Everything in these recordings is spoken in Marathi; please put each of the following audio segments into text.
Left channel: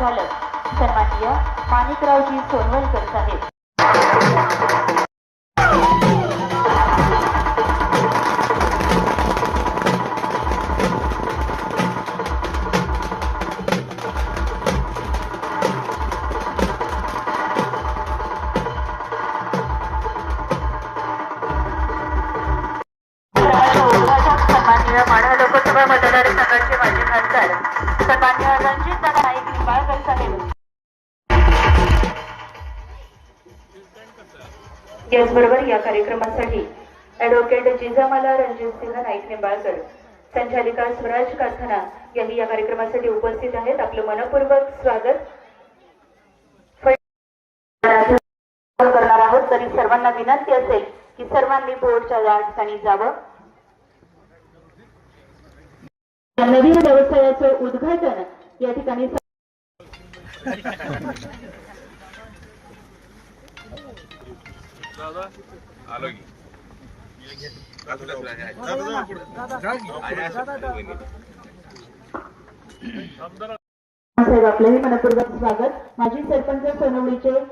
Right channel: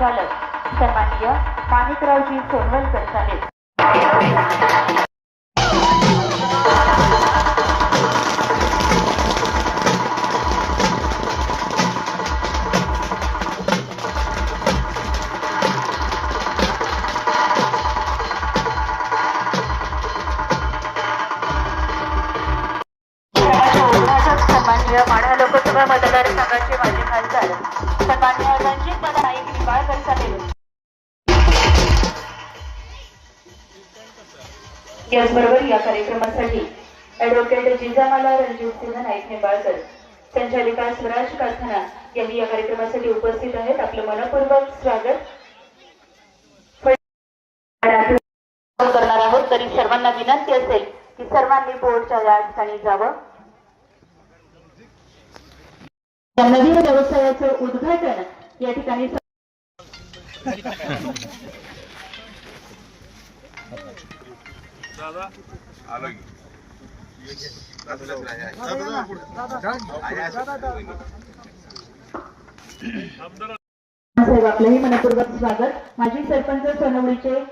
संचालक सन्माननीय माणिकरावजी सोनवलकर साहेब। सन्माननीय माढा लोकसभा मतदारसंघाचे माजी खासदार सन्माननीय रणजितदादा नाईक निंबाळकर साहेब। याचबरोबर या कार्यक्रमासाठी ॲडव्होकेट जिजामाला रणजितसिंह नाईक निंबाळकर, संचालिका स्वराज कारखाना यांनी या कार्यक्रमासाठी उपस्थित आहेत। आपलं मनपूर्वक स्वागत करणार आहोत। तरी सर्वांना विनंती असेल की सर्वांनी बोर्डच्या या ठिकाणी जावं। नवीन व्यवसायाचं उद्घाटन या ठिकाणी साहेब आपलंही मनपूर्वक स्वागत। माजी सरपंच सोनवडीचे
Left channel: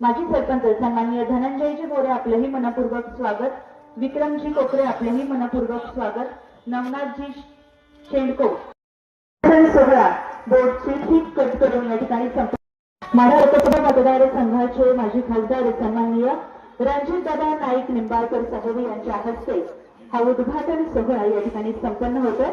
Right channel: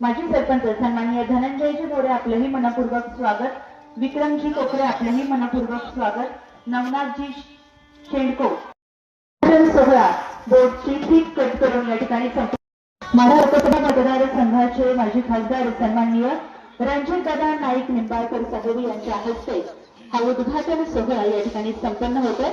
माजी सरपंच सन्माननीय धनंजयजी मोरे आपलंही मनपूर्वक स्वागत। विक्रमजी कोकरे आपलंही मनपूर्वक स्वागत। नवनाथजी शेंडको सोहळा बोर्डची ठीक कट करून या ठिकाणी माढा लोकसभा मतदारसंघाचे माजी खासदार सन्माननीय रणजितदादा नाईक निंबाळकर साहेब यांच्या हस्ते हा उद्घाटन सोहळा या ठिकाणी संपन्न होतोय।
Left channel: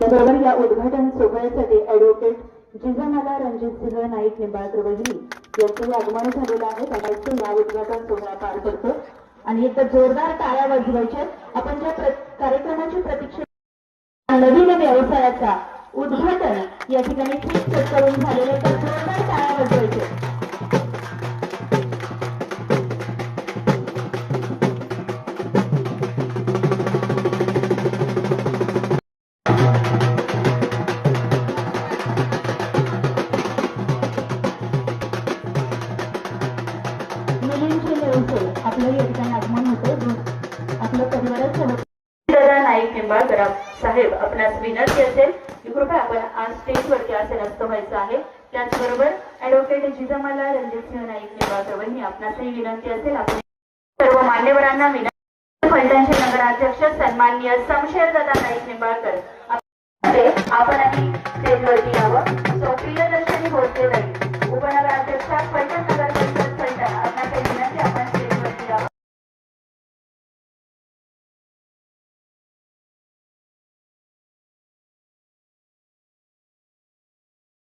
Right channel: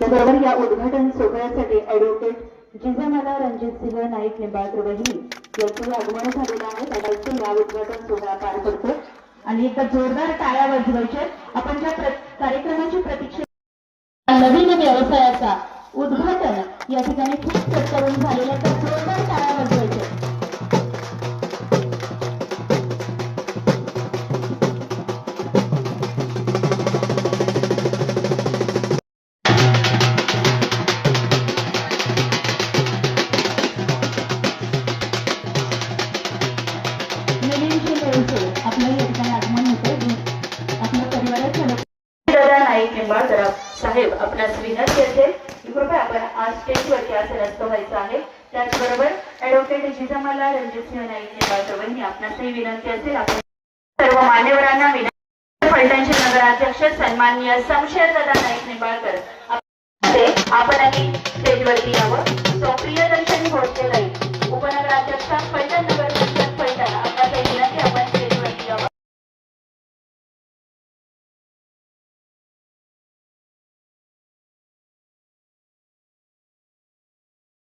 त्याबरोबर या उद्घाटन सोहळ्यासाठी ॲडव्होकेट जिजामाला रणजितसिंह नाईक निंबाळकर वहिनी यांचं आगमन झालेलं आहे। त्यामुळे या उद्घाटन सोहळा पार पडतो आणि एकदा जोरदार टाळ्या वाजवायच्या। आपण ज्या कार्यक्रमाची प्रतीक्षा नवीन व्यवसायाचा उद्घाटन या ठिकाणी ठीक करून झालेलं आहे, तर जोरदार टाळ्या वाजवायच्या। आपलं या ठिकाणी आगमन होतं। आपल्या परिवाराच्या नाईक निंबाळकर साहेब आपणास विनंती असेल की कृपया आपण आज स्टेजवरती आसनस्थ व्हायचं आहे। त्याचबरोबर ॲडव्होकेट जिजामाला रणजितसिंह नाईक निंबाळकर वहिनी आपणासही विनंती असेल आपण सर्व मान्यवरांना विनंती फलटणचे नगराध्यक्ष सन्माननीय शमशेरदादा नाईक निंबाळकर आपणही स्टेजवरती यावं। प्रियदर्शनी होळकर उपनगराध्यक्षा फलटण नगर